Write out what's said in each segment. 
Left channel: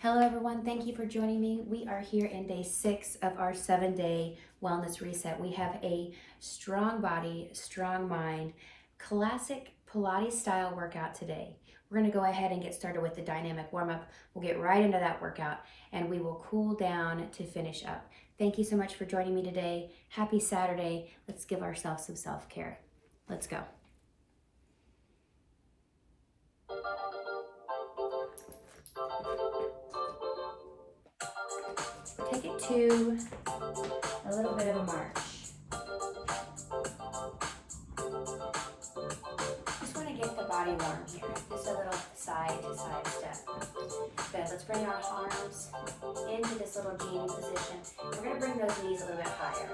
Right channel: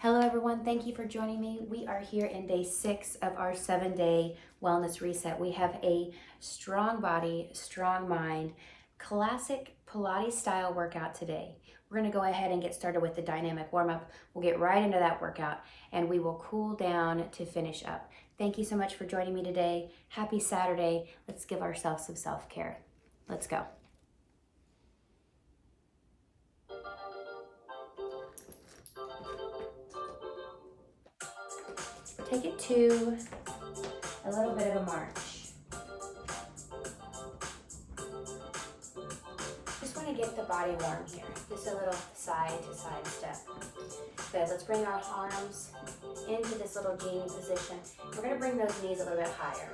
Hello everyone, thank you for joining me. We are here in day 6 of our 7-day wellness reset. We have a strong body, strong mind, classic Pilates style workout today. We're gonna go ahead and get started with the dynamic warm-up. We'll get right into that workout and we will cool down to finish up. Thank you so much for joining me today. Happy Saturday. Let's give ourselves some self-care. Let's go. Take it to a little bit of a march. Just want to get the body warm here. Just a little side to side step. Good, let's bring our arms into this little genie position. We're going to bring those knees a little bit higher.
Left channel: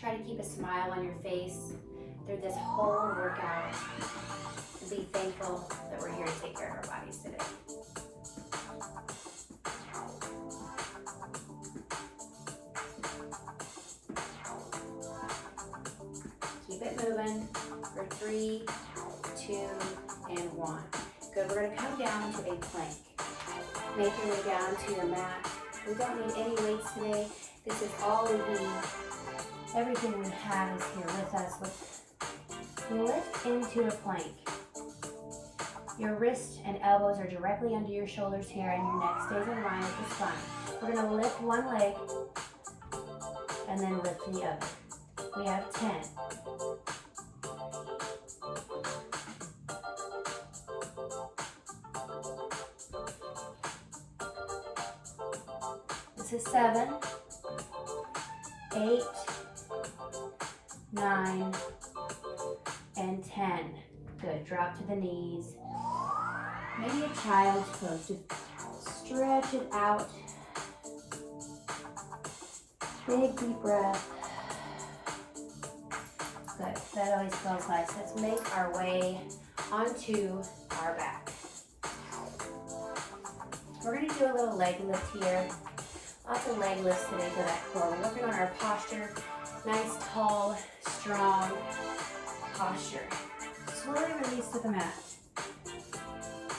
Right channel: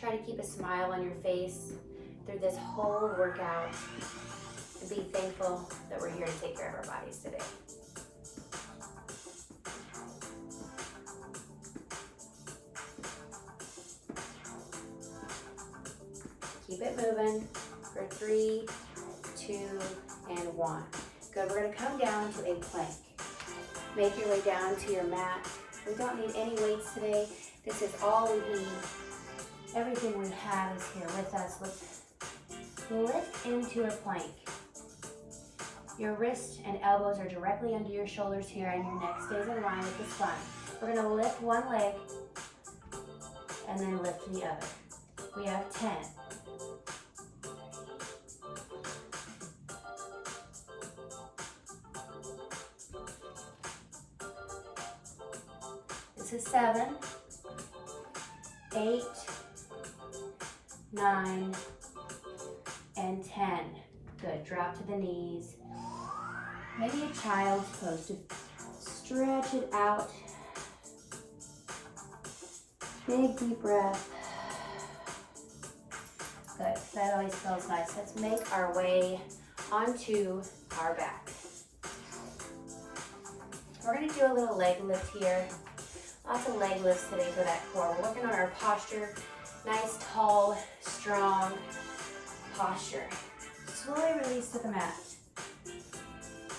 Try to keep a smile on your face through this whole workout. And be thankful that we're here to take care of our bodies today. Keep it moving for 3, 2, and 1. Good, we're gonna come down to a plank. Make your way down to your mat. We don't need any weights today. This is all we need. Everything we have is here with us. Let's lift into a plank. Your wrists and elbows are directly under your shoulders here and your neck stays in line with the spine. We're gonna lift one leg and then lift the other. We have 10. This is 7, 8, 9, and 10. Good, drop to the knees. Maybe a child's pose, just stretch it out. Big deep breath. Good, that always feels nice. Let's make our way onto our back. We're gonna do a little leg lift here. Lots of leg lifts today for that core. We're working on our posture. Nice, tall, strong posture. Slowly release to the mat.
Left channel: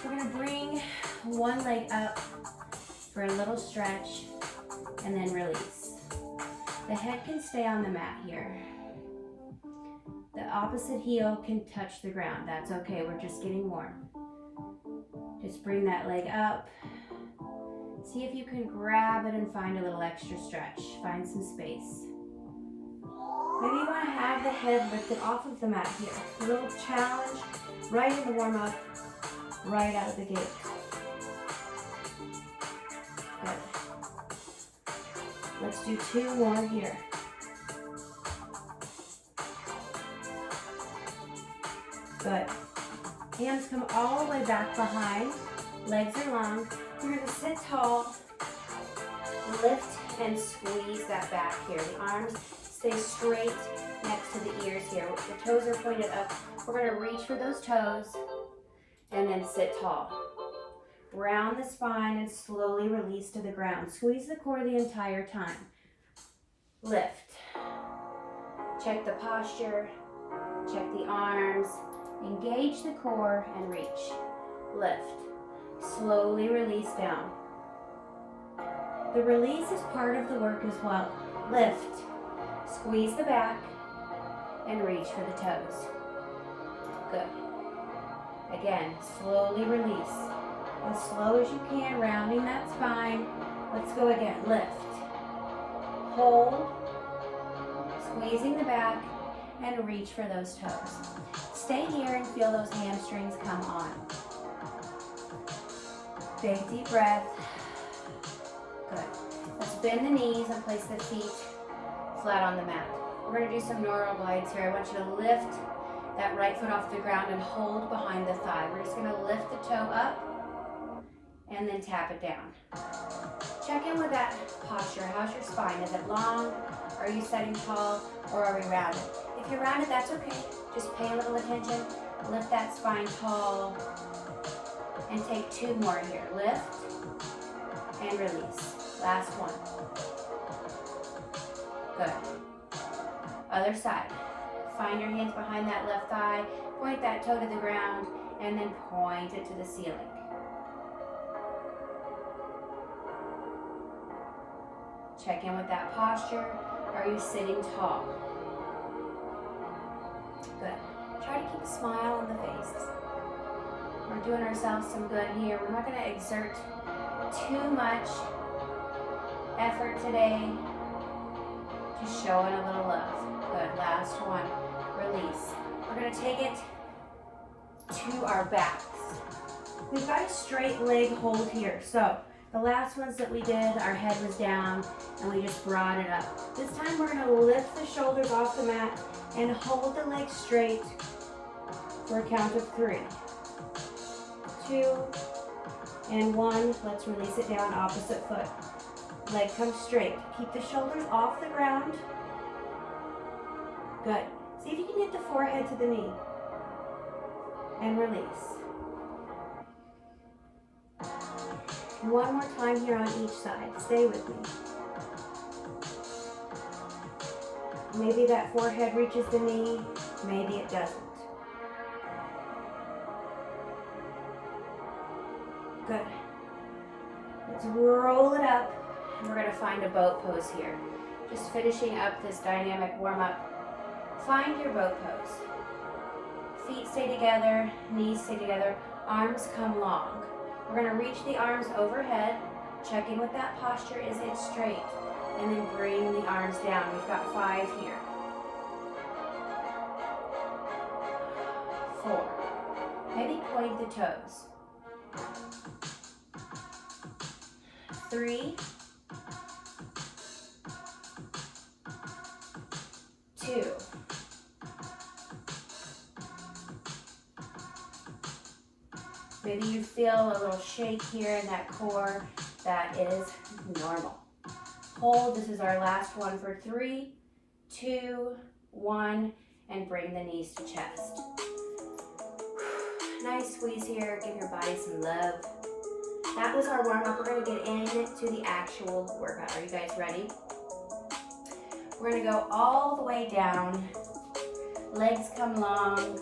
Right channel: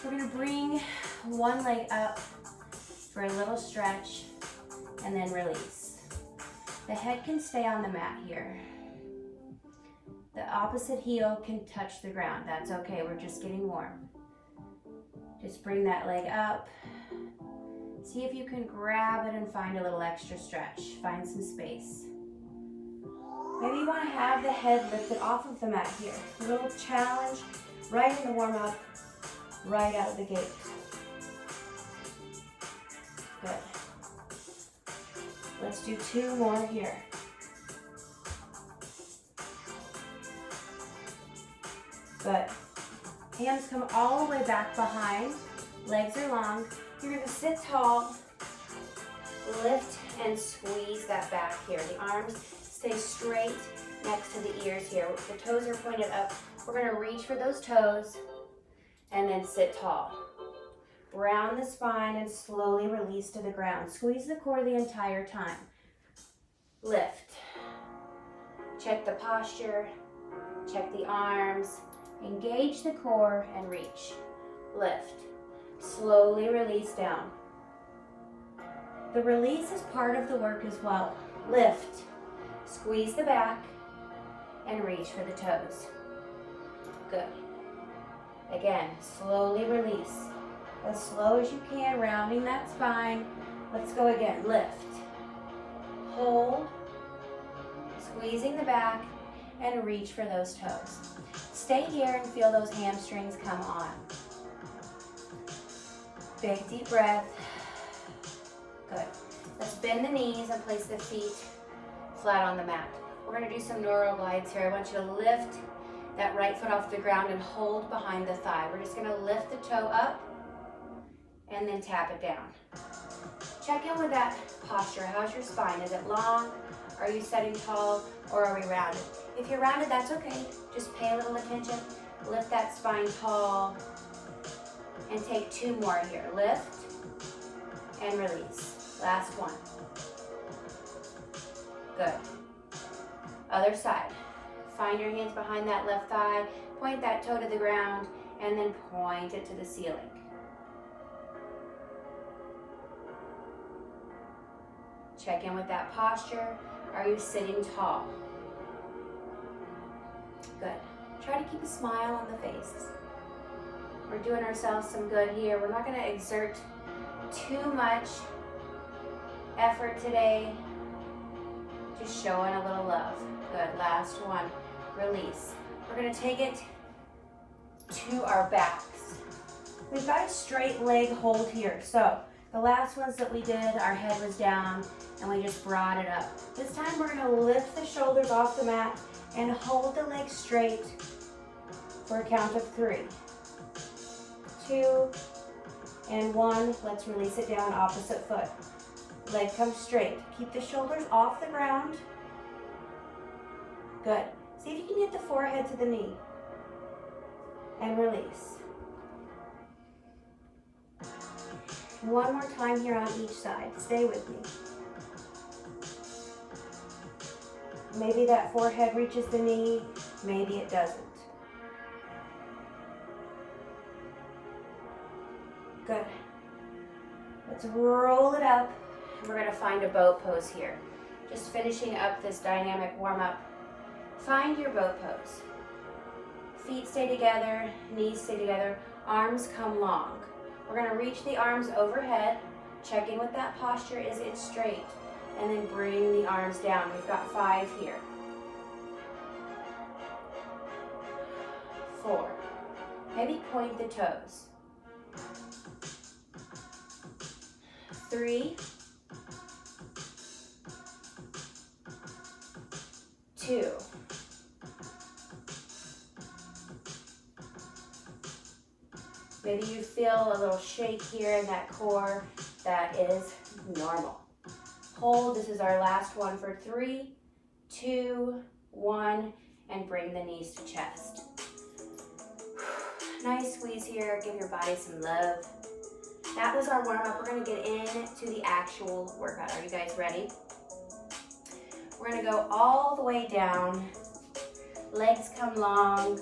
We're gonna bring one leg up for a little stretch and then release. The head can stay on the mat here. The opposite heel can touch the ground. That's okay, we're just getting warm. Just bring that leg up. See if you can grab it and find a little extra stretch. Find some space. Maybe you want to have the head lifted off of the mat here. A little challenge right in the warm-up, right out of the gate. Good. Let's do 2 more here. Good. Hands come all the way back behind. Legs are long. You're going to sit tall, lift and squeeze that back here. The arms stay straight next to the ears here. The toes are pointed up. We're going to reach for those toes and then sit tall. Round the spine and slowly release to the ground. Squeeze the core the entire time. Lift. Check the posture. Check the arms. Engage the core and reach. Lift. Slowly release down. The release is part of the work as well. Lift, squeeze the back, and reach for the toes. Good. Again, slowly release. As slow as you can, rounding that spine. Let's go again. Lift, hold, squeezing the back, and reach for those toes. Stay here and feel those hamstrings come on. Big deep breath. Good. Let's bend the knees and place the feet flat on the mat. We're going to do some neural glides here. I want you to lift that right foot off the ground and hold behind the thigh. We're just going to lift the toe up and then tap it down. Check in with that posture. How's your spine? Is it long? Are you sitting tall or are we rounded? If you're rounded, that's okay. Just pay a little attention. Lift that spine tall. And take 2 more here. Lift and release. Last one. Good. Other side. Find your hands behind that left thigh. Point that toe to the ground and then point it to the ceiling. Check in with that posture. Are you sitting tall? Good. Try to keep a smile on the face. We're doing ourselves some good here. We're not going to exert too much effort today. Just showing a little love. Good. Last one. Release. We're going to take it to our backs. We've got a straight leg hold here. So the last ones that we did, our head was down and we just brought it up. This time we're going to lift the shoulders off the mat and hold the leg straight for a count of 3, 2, and 1. Let's release it down, opposite foot. Leg comes straight. Keep the shoulders off the ground. Good. See if you can get the forehead to the knee. And release. One more time here on each side. Stay with me. Maybe that forehead reaches the knee, maybe it doesn't. Good. Let's roll it up. We're going to find a boat pose here. Just finishing up this dynamic warm-up. Find your boat pose. Feet stay together, knees stay together, arms come long. We're going to reach the arms overhead. Check in with that posture. Is it straight? And then bring the arms down. We've got 5 here. 4. Maybe point the toes. 3, 2. Maybe you feel a little shake here in that core. That is normal. Hold. This is our last one for 3, 2, 1, and bring the knees to chest. Nice squeeze here. Give your body some love. That was our warm-up. We're going to get into the actual workout. Are you guys ready? We're going to go all the way down. Legs come long.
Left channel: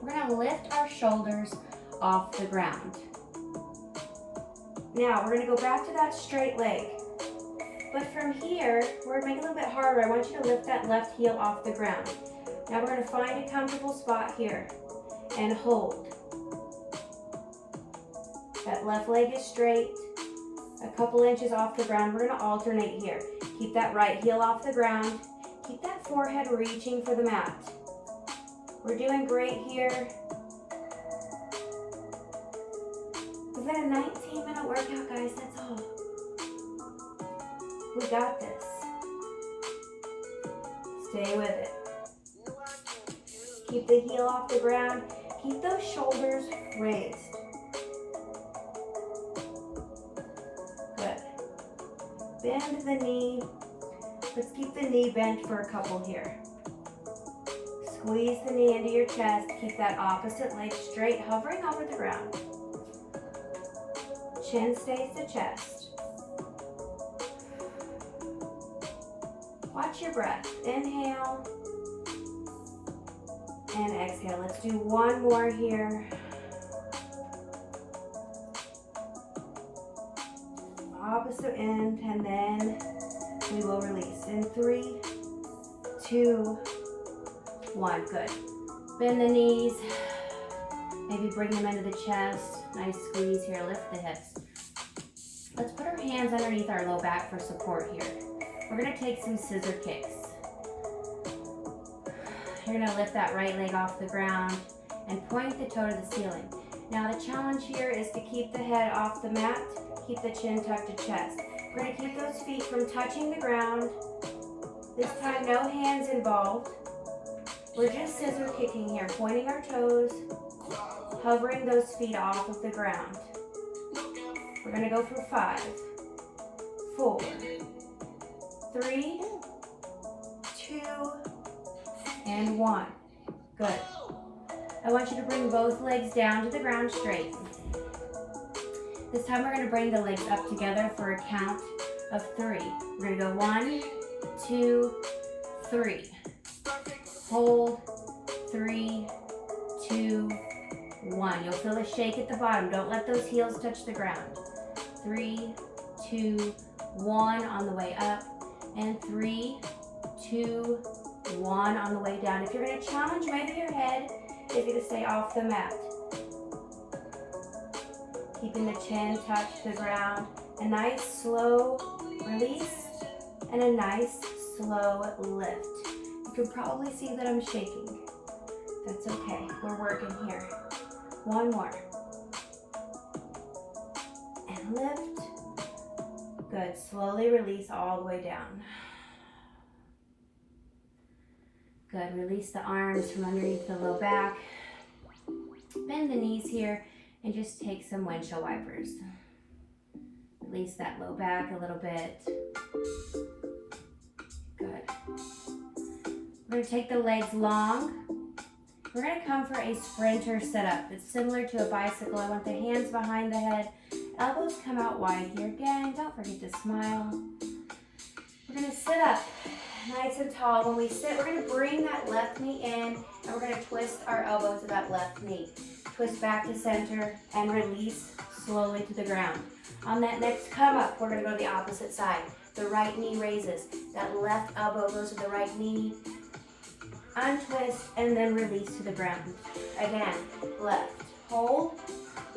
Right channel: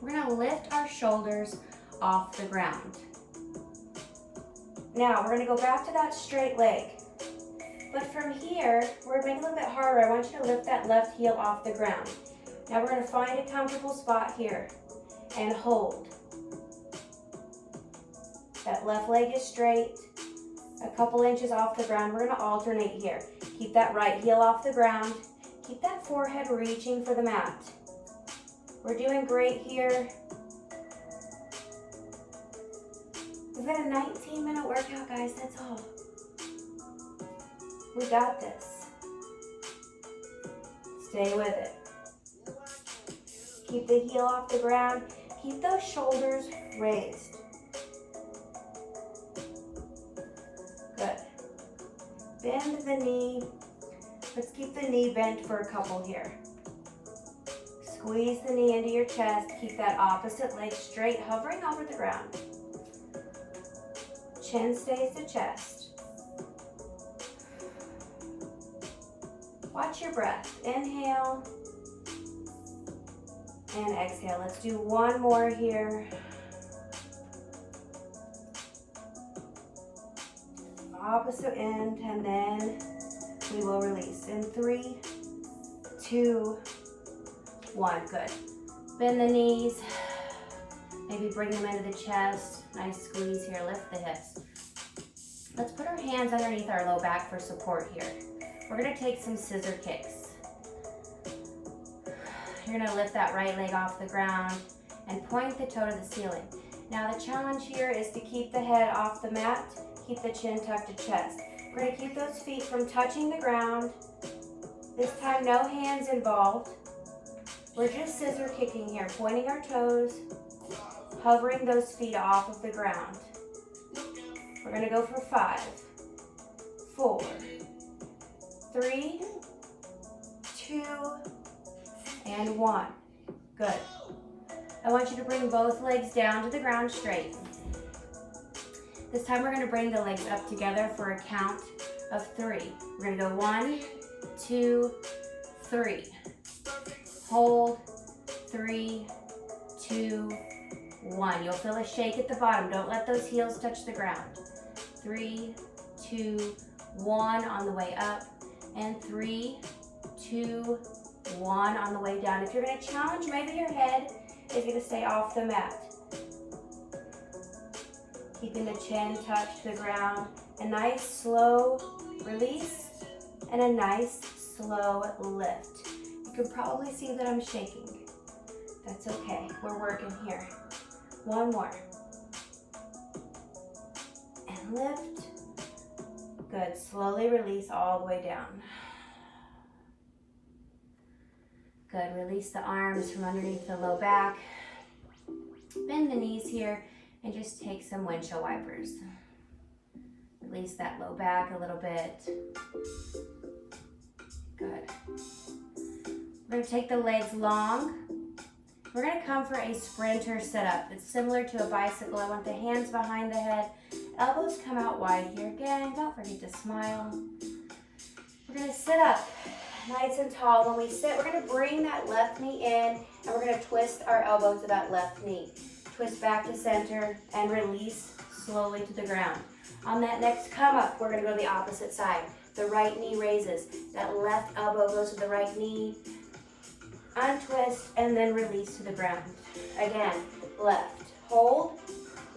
We're going to lift our shoulders off the ground. Now, we're going to go back to that straight leg. But from here, we're going to make it a little bit harder. I want you to lift that left heel off the ground. Now, we're going to find a comfortable spot here and hold. That left leg is straight, a couple inches off the ground. We're going to alternate here. Keep that right heel off the ground. Keep that forehead reaching for the mat. We're doing great here. We've got a 19-minute workout, guys. That's all. We got this. Stay with it. Keep the heel off the ground. Keep those shoulders raised. Good. Bend the knee. Let's keep the knee bent for a couple here. Squeeze the knee into your chest. Keep that opposite leg straight, hovering over the ground. Chin stays to chest. Watch your breath. Inhale and exhale. Let's do one more here. Opposite end, and then we will release. In 3, 2, 1. Good. Bend the knees. Maybe bring them into the chest. Nice squeeze here. Lift the hips. Let's put our hands underneath our low back for support here. We're going to take some scissor kicks. You're going to lift that right leg off the ground and point the toe to the ceiling. Now the challenge here is to keep the head off the mat, keep the chin tucked to chest. We're going to keep those feet from touching the ground. This time no hands involved. We're just scissor kicking here, pointing our toes, hovering those feet off of the ground. We're going to go for 5, 4, 3, 2, and 1. Good. I want you to bring both legs down to the ground straight. This time we're going to bring the legs up together for a count of 3. We're going to go 1, 2, 3. Hold. 3, 2, 1. You'll feel a shake at the bottom. Don't let those heels touch the ground. 3, 2, 1 on the way up. And 3, 2, 1 on the way down. If you're going to challenge, maybe your head is going to stay off the mat. Keeping the chin touch the ground. A nice slow release and a nice slow lift. You can probably see that I'm shaking. That's okay. We're working here. One more. And lift. Good. Slowly release all the way down. Good. Release the arms from underneath the low back. Bend the knees here and just take some windshield wipers. Release that low back a little bit. Good. We're going to take the legs long. We're going to come for a sprinter sit-up. It's similar to a bicycle. I want the hands behind the head. Elbows come out wide here. Again, don't forget to smile. We're going to sit up nice and tall. When we sit, we're going to bring that left knee in, and we're going to twist our elbow to that left knee. Twist back to center and release slowly to the ground. On that next come up, we're going to go to the opposite side. The right knee raises. That left elbow goes to the right knee. Untwist and then release to the ground. Again, left. Hold.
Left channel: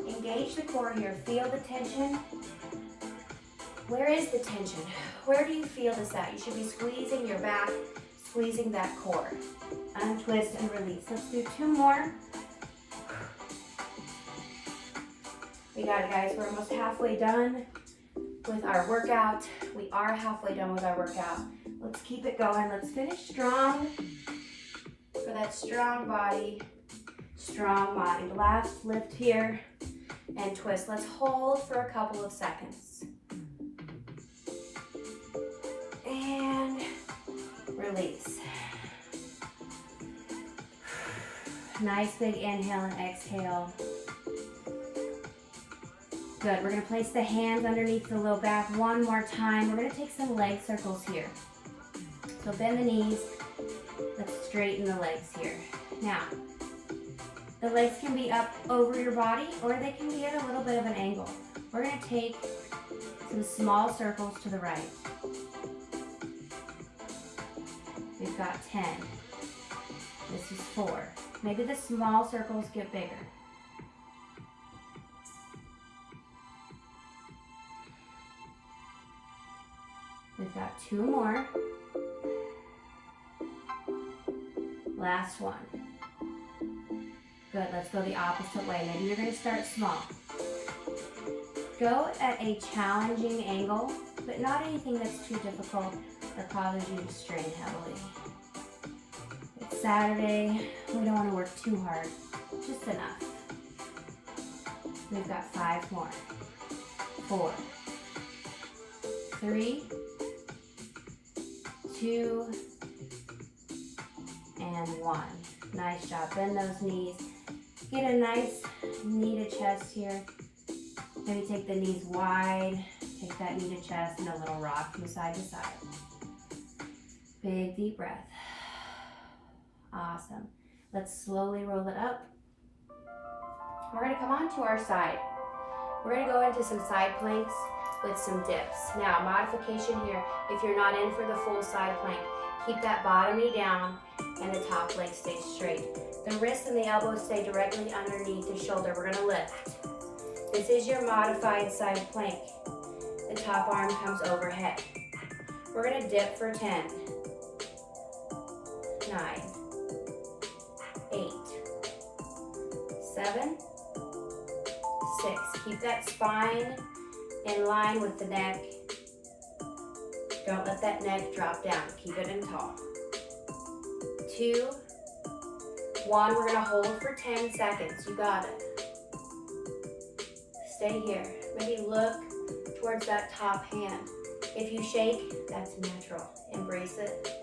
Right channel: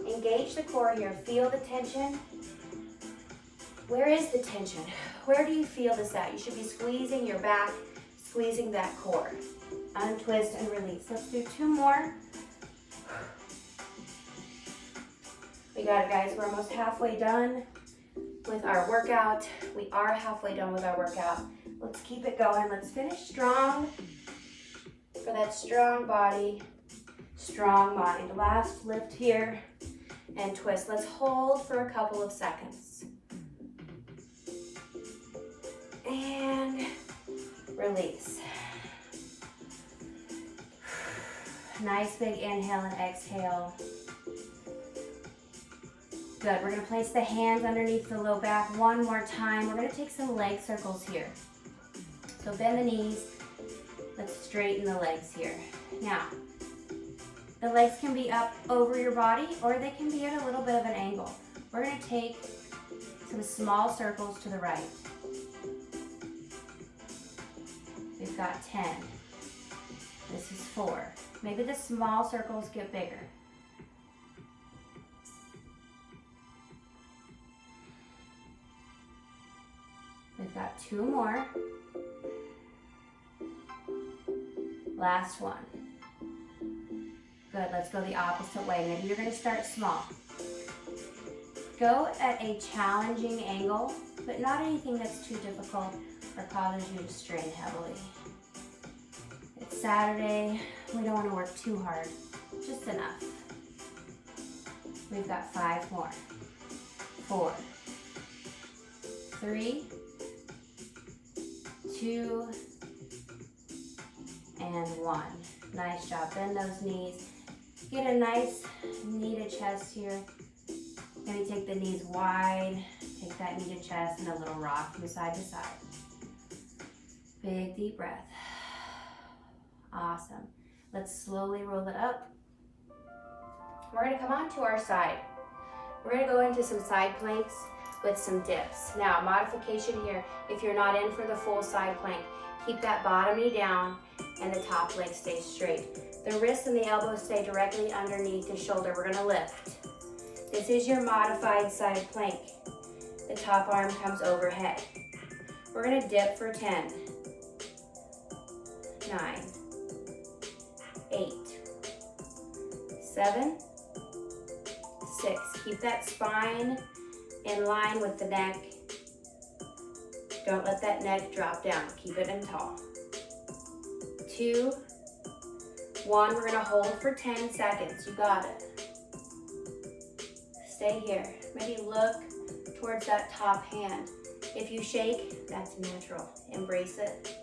Engage the core here. Feel the tension. Where is the tension? Where do you feel this at? You should be squeezing your back, squeezing that core. Untwist and release. Let's do 2 more. We got it, guys. We're almost halfway done with our workout. We are halfway done with our workout. Let's keep it going. Let's finish strong for that strong body, strong mind. Last lift here and twist. Let's hold for a couple of seconds. And release. Nice big inhale and exhale. Good. We're going to place the hands underneath the low back one more time. We're going to take some leg circles here. So bend the knees. Let's straighten the legs here. Now, the legs can be up over your body or they can be at a little bit of an angle. We're going to take some small circles to the right. We've got 10. This is 4. Maybe the small circles get bigger. We've got 2 more. Last one. Good, let's go the opposite way. Maybe you're going to start small. Go at a challenging angle, but not anything that's too difficult or causes you to strain heavily. It's Saturday. We don't want to work too hard. Just enough. We've got 5 more. 4, 3, 2, and 1. Nice job. Bend those knees. Get a nice knee to chest here. Maybe take the knees wide. Take that knee to chest and a little rock from side to side. Big deep breath. Awesome. Let's slowly roll it up. We're going to come on to our side. We're going to go into some side planks with some dips. Now, modification here, if you're not in for the full side plank, keep that bottom knee down and the top leg stays straight. The wrists and the elbows stay directly underneath the shoulder. We're gonna lift. This is your modified side plank. The top arm comes overhead. We're gonna dip for 10, 9, 8, 7, 6. Keep that spine in line with the neck. Don't let that neck drop down. Keep it in tall. 2, 1. We're gonna hold for 10 seconds. You got it. Stay here. Maybe look towards that top hand. If you shake, that's natural. Embrace it.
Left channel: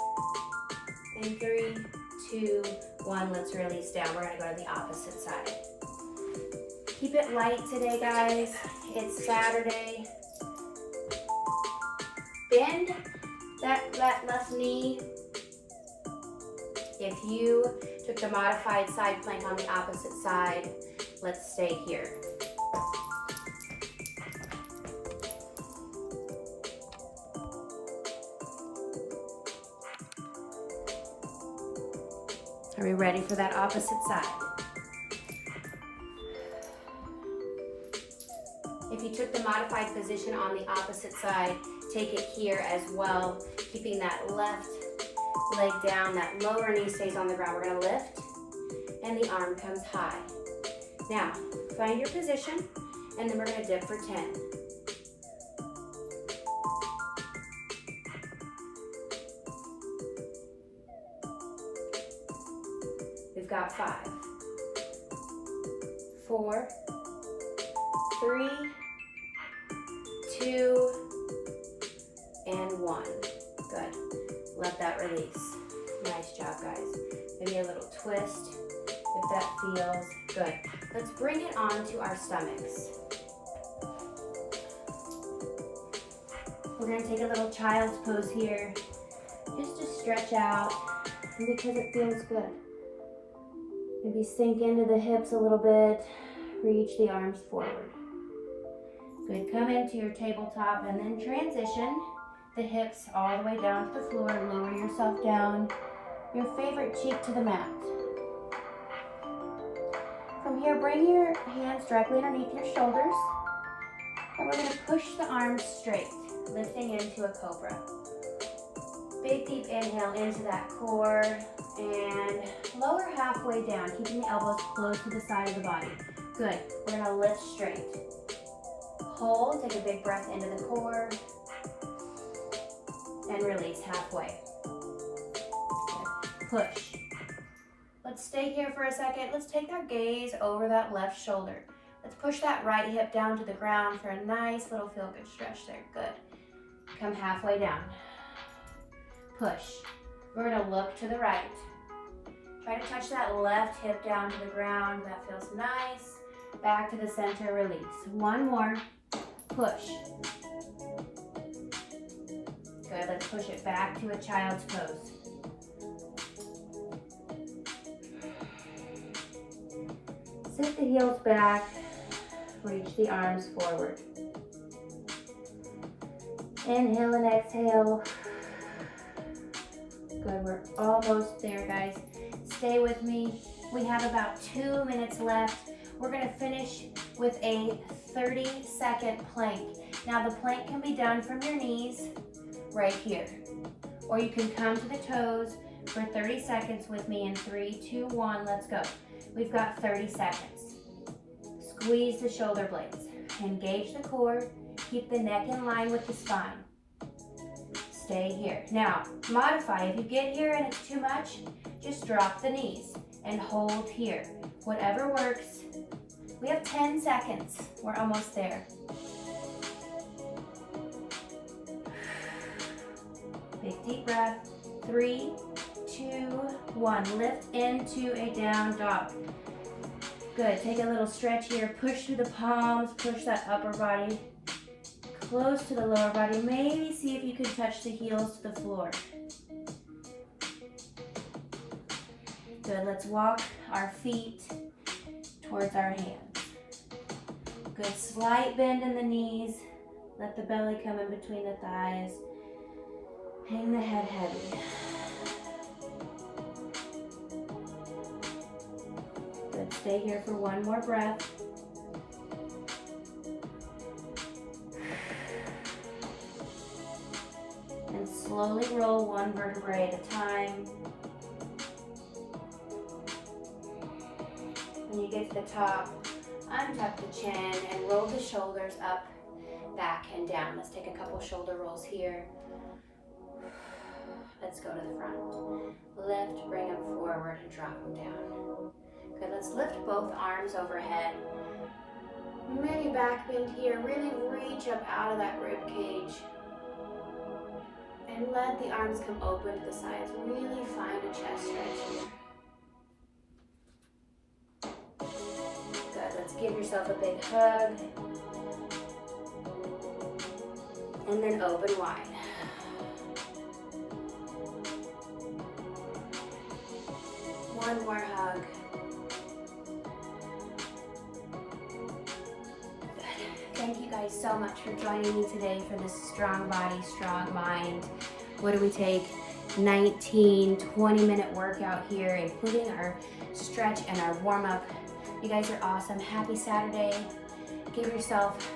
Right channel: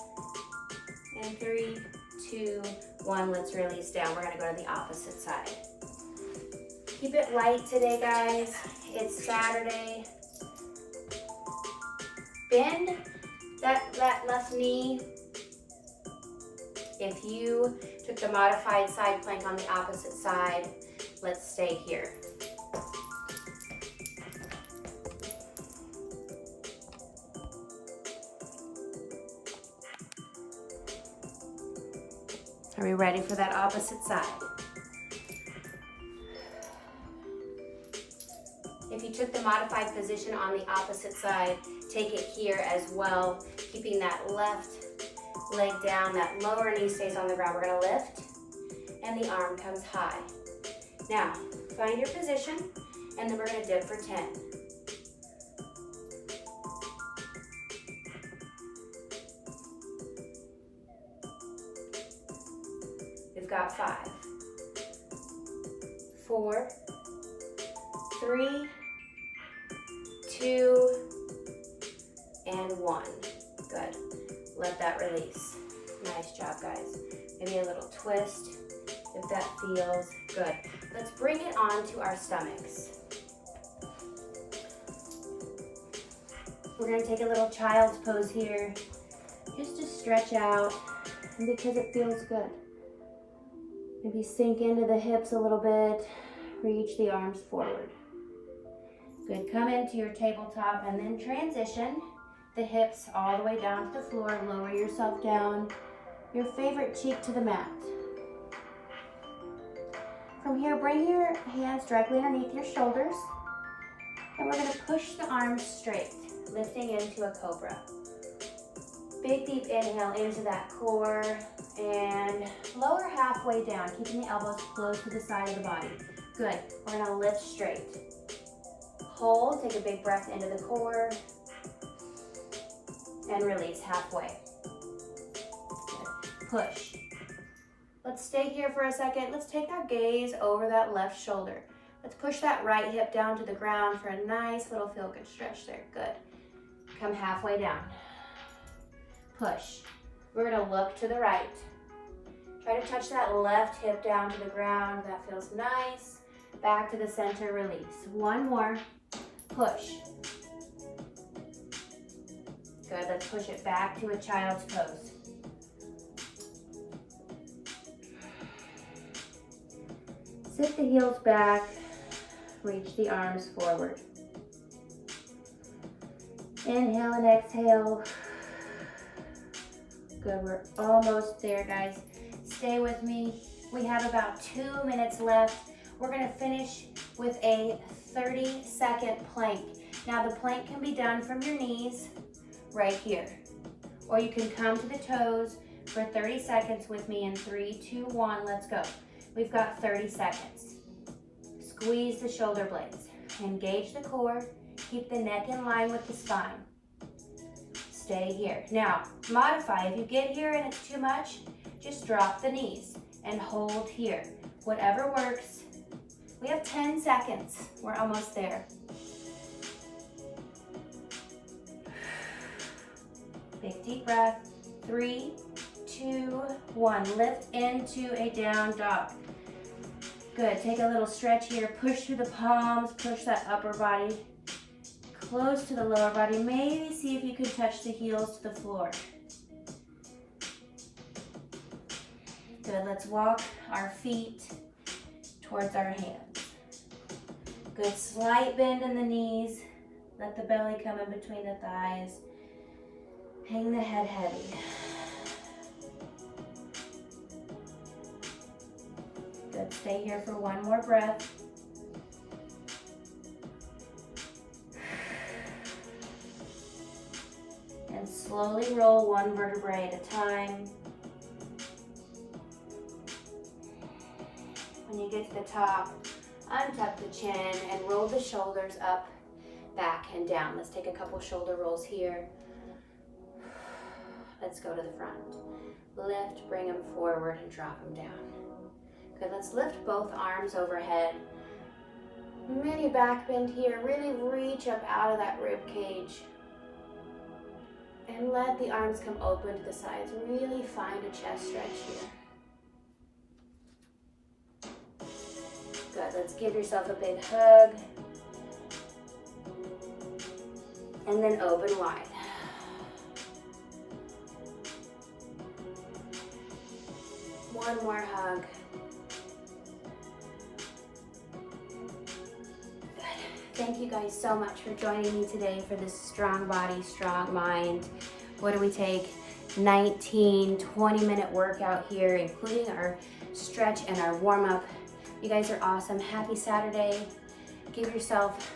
In 3, 2, 1. Let's release down. We're gonna go to the opposite side. Keep it light today, guys. It's Saturday. Bend that left knee If you took the modified side plank on the opposite side, let's stay here. Are we ready for that opposite side? If you took the modified position on the opposite side, take it here as well, keeping that left leg down, that lower knee stays on the ground. We're gonna lift, and the arm comes high. Now, find your position, and then we're gonna dip for 10. We've got 5, 4, 3, 2, and 1. Good. Let that release. Nice job, guys. Maybe a little twist if that feels good. Let's bring it on to our stomachs. We're going to take a little child's pose here, just to stretch out, and because it feels good. Maybe sink into the hips a little bit, reach the arms forward. Good, come into your tabletop and then transition the hips all the way down to the floor. Lower yourself down, your favorite cheek to the mat. From here, bring your hands directly underneath your shoulders, and we're gonna push the arms straight, lifting into a cobra. Big deep inhale into that core, and lower halfway down, keeping the elbows close to the side of the body. Good, we're gonna lift straight. Hold, take a big breath into the core, and release halfway. Good. Push. Let's stay here for a second. Let's take our gaze over that left shoulder. Let's push that right hip down to the ground for a nice little feel-good stretch there. Good. Come halfway down. Push. We're gonna look to the right. Try to touch that left hip down to the ground. That feels nice. Back to the center, release. One more. Push. Good, let's push it back to a child's pose. Sit the heels back, reach the arms forward. Inhale and exhale. Good, we're almost there, guys. Stay with me. We have about 2 minutes left. We're gonna finish with a 30-second plank. Now the plank can be done from your knees right here, or you can come to the toes for 30 seconds with me in 3, 2, 1, let's go. We've got 30 seconds. Squeeze the shoulder blades, engage the core, keep the neck in line with the spine. Stay here. Now, modify. If you get here and it's too much, just drop the knees and hold here. Whatever works. We have 10 seconds. We're almost there. Big deep breath. 3, 2, 1. Lift into a down dog. Good. Take a little stretch here. Push through the palms. Push that upper body close to the lower body. Maybe see if you can touch the heels to the floor. Good. Let's walk our feet towards our hands. Good. Slight bend in the knees. Let the belly come in between the thighs. Hang the head heavy. Good. Stay here for one more breath. And slowly roll one vertebrae at a time. When you get to the top, untuck the chin and roll the shoulders up, back, and down. Let's take a couple shoulder rolls here. Let's go to the front. Lift, bring them forward, and drop them down. Good, let's lift both arms overhead. Maybe back bend here. Really reach up out of that rib cage. And let the arms come open to the sides. Really find a chest stretch here. Good, let's give yourself a big hug. And then open wide. One more hug. Good. Thank you guys so much for joining me today for this strong body, strong mind. What do we take? 19, 20-minute workout here, including our stretch and our warm-up. You guys are awesome. Happy Saturday. Give yourself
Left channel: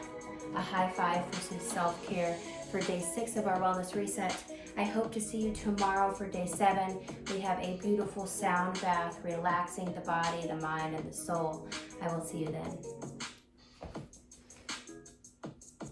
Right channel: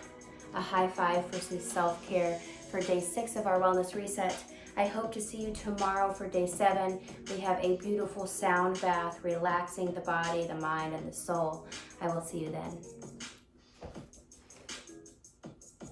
a high five for some self-care for day 6 of our wellness reset. I hope to see you tomorrow for day 7. We have a beautiful sound bath, relaxing the body, the mind, and the soul. I will see you then.